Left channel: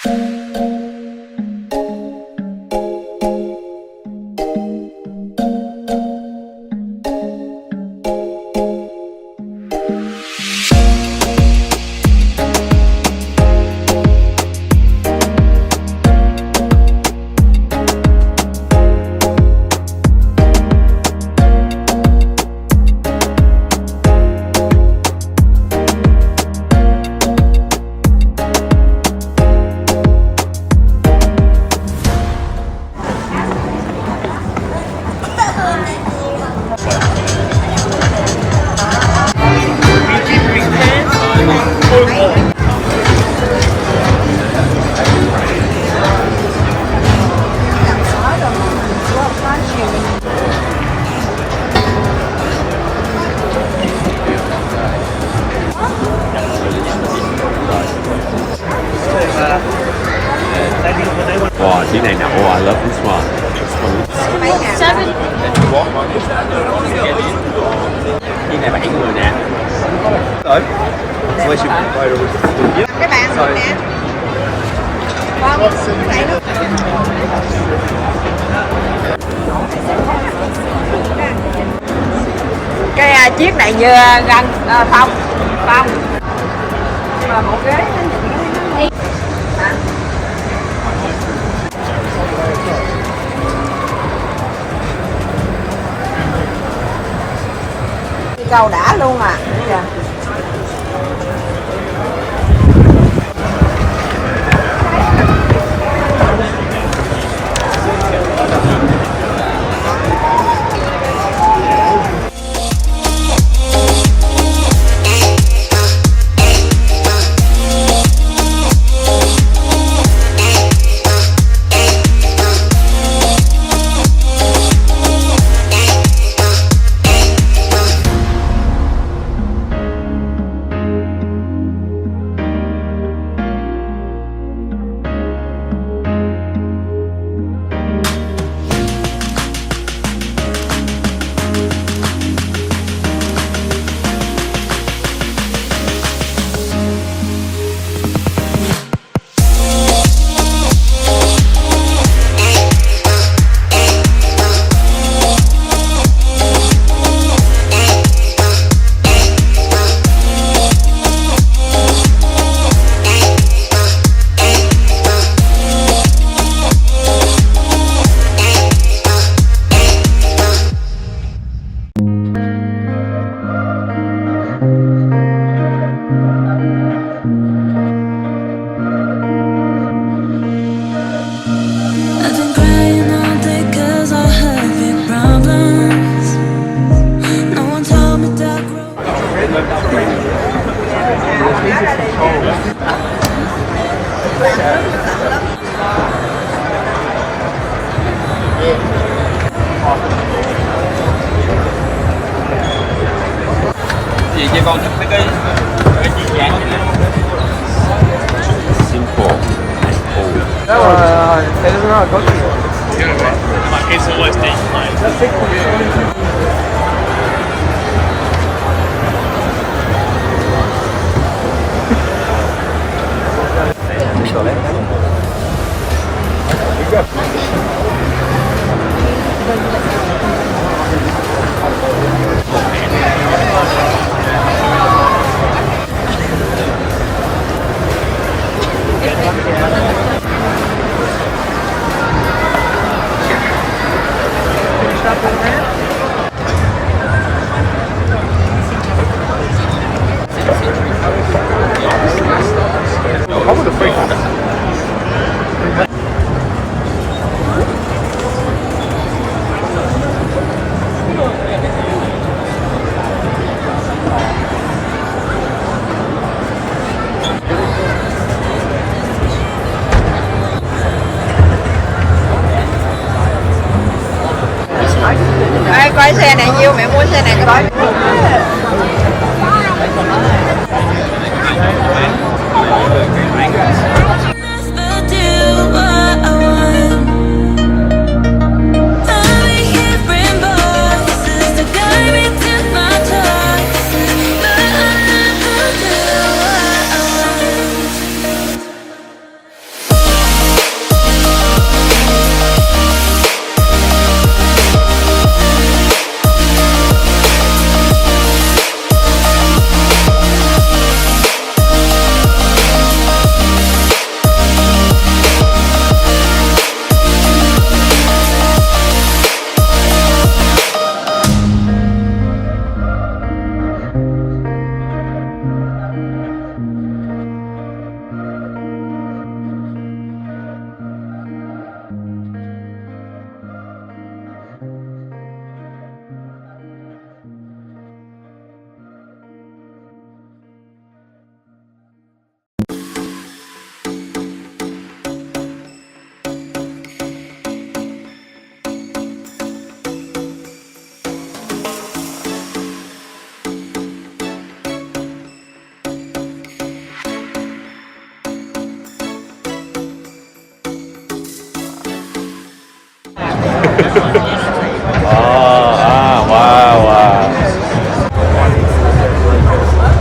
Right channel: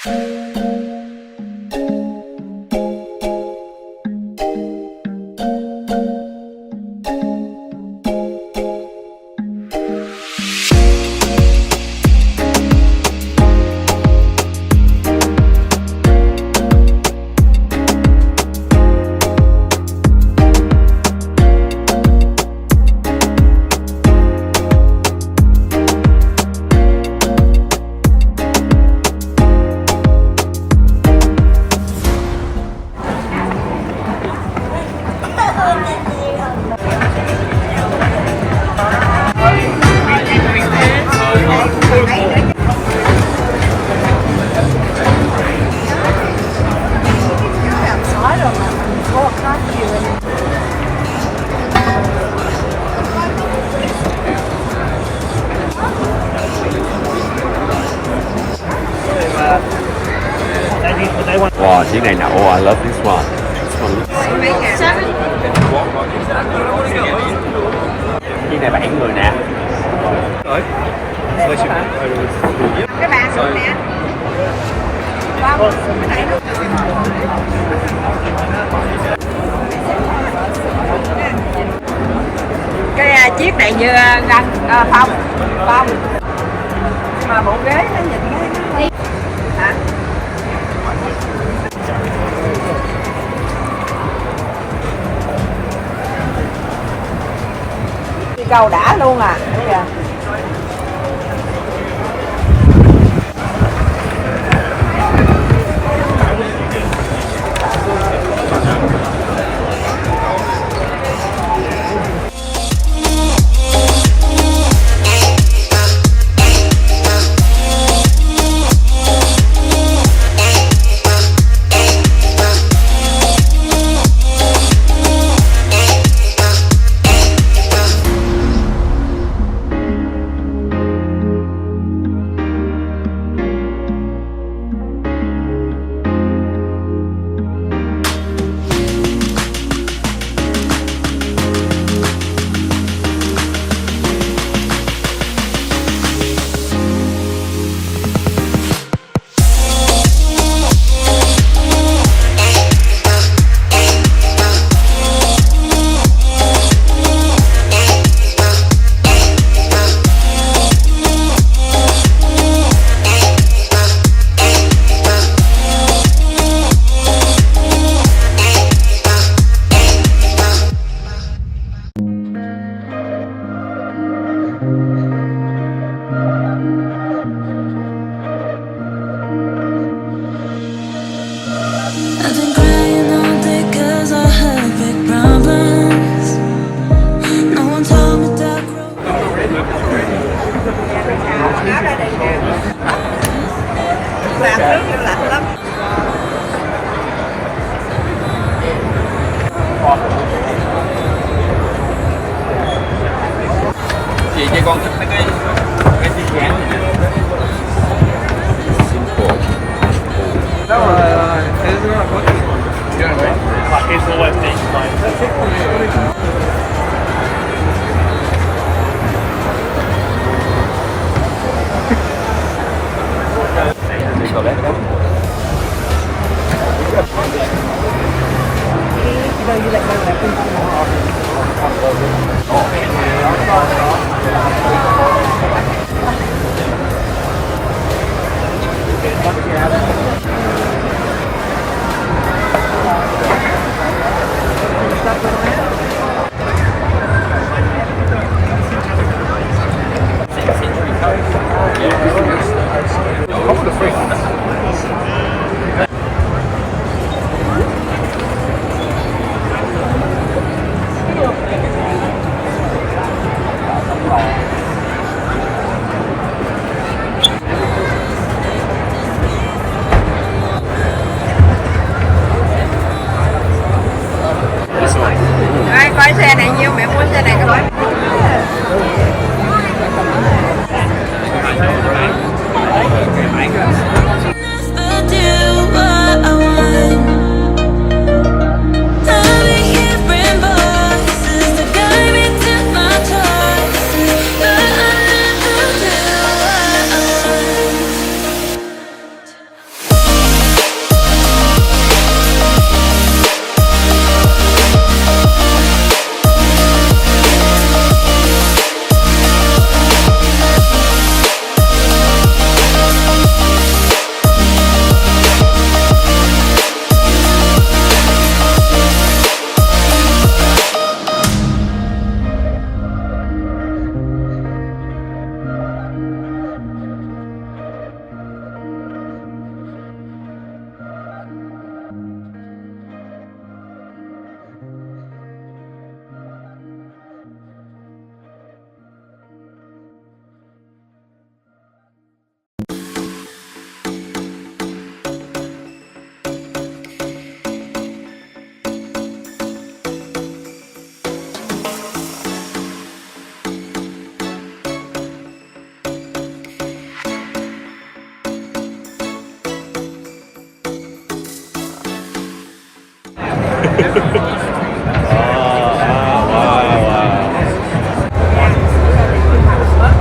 Wow, chiếc này nè, oh, I love this one. Chiếc này 7 người nè. Tới. Các bạn xuống nè. Vâng, cái nước. Cái chiếc này như găng phong mà bộ ghế nó nhìn nó đi hả? Đi cầu đã luôn mà. Chị cho con thích mấy cái chị dáng rồi cái đó là tốt nhiều. Stop for a minute.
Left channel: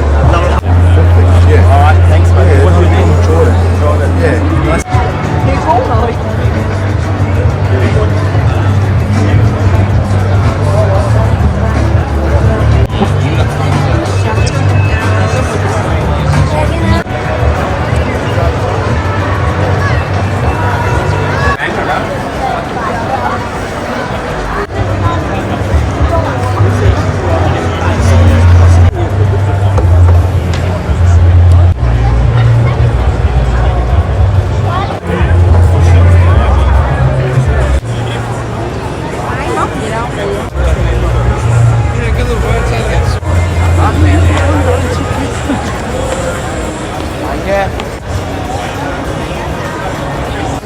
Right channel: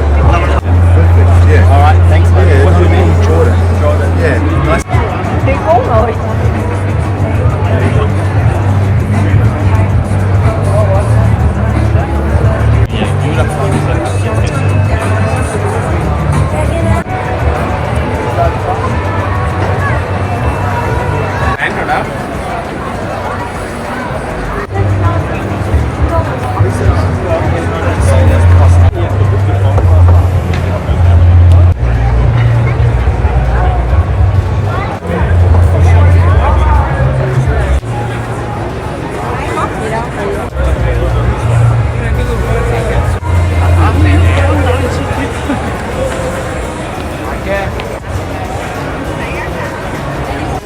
Perfect, yeah. All right, thanks, mate. Yeah, What's no your name? problem, Jordan. Jordan. Yeah, nice. Đi uống người. Bán rồi đó.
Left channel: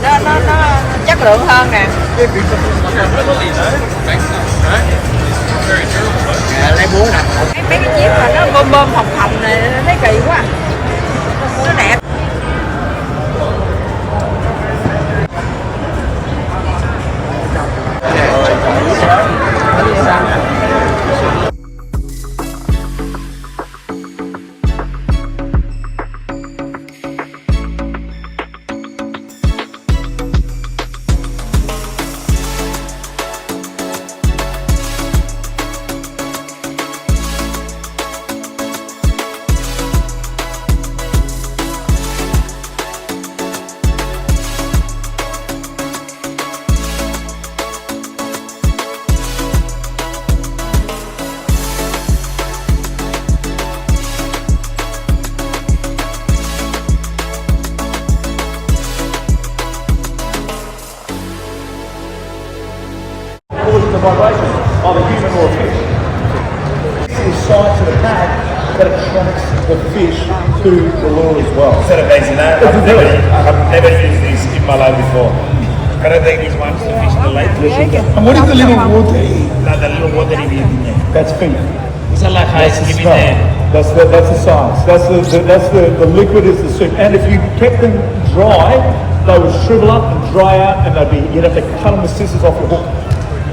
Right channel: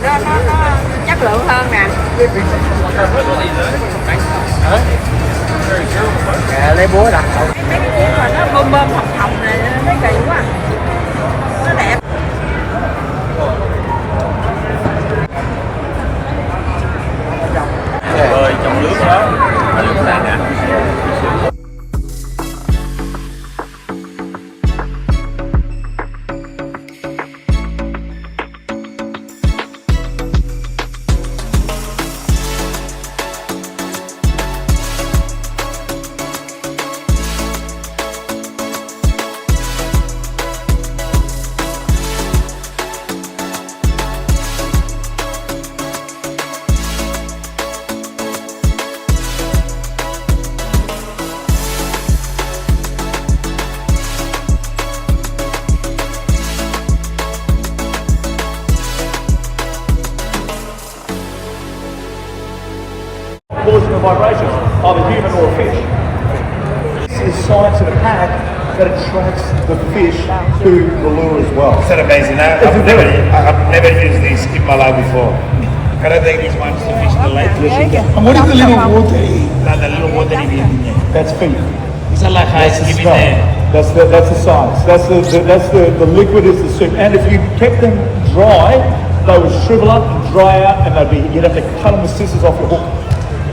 Nó chất lượng hơn nè. Lấy búa đặt. Mấy cái chiếc mà nó bơm bơm hồng hồng này thấy kỳ quá. Nó đẹp. Rồi trong nước quá. Phải được sàn nha. Causing the vibration of a human or a fish. This is science of the pack that attracts the fish to the lure as well. Is that amazing? I've never used this in my life before. Can I take these ones to fish the lake? And what is the little water? Like the little water in there. That's feed. Is that like That's ice the cream in smell. there? That's the science. That's the liquid is the soup. And if you kept them dry, they would shrivel up and dry out, and you'd have to cut them with scissors off your hook.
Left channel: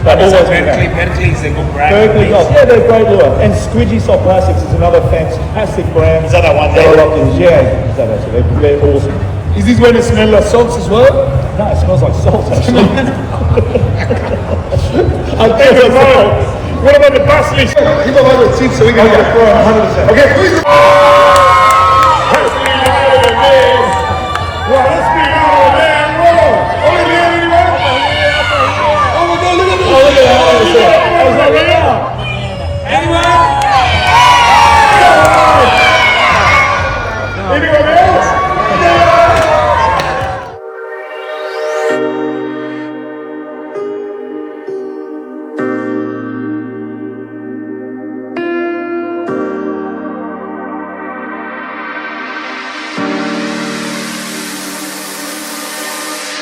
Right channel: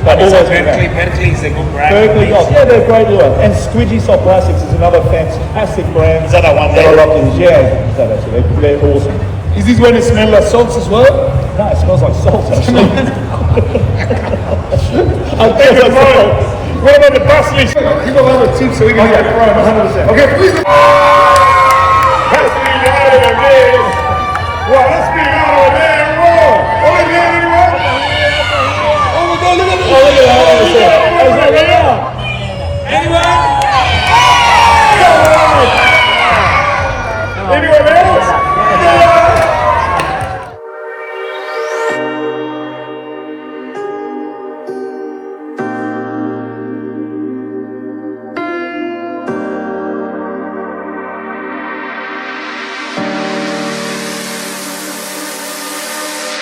They Is that always do that. Berkeley is a good brand. Berkeley, oh, yeah, they're a great lure. And Squidgy Soft Plastics is another fantastic brand. Is that the one that I there? like to use? Yeah, is that actually? They're awesome. Is this when it smells like salts as well? No, it smells like salt actually. I Thank think you, it's Mark. salt. What about the parsley? Keep them over the tip so we can get it thrown 100%. Okay, who's the parsley out of the man? Parsley out of the man, roll. Only the only one? Oh my God, look at this. Oh, look at that. That's right now. Anyone? Anyone else?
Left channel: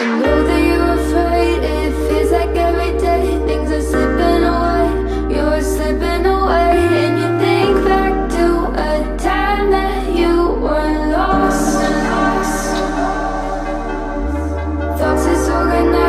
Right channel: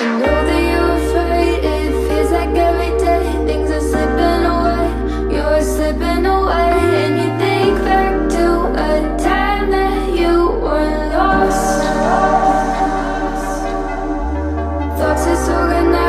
I know that you're afraid, it feels like every day things are slipping away, you're slipping away. And you think back to a time that you were lost. Thoughts disorganized.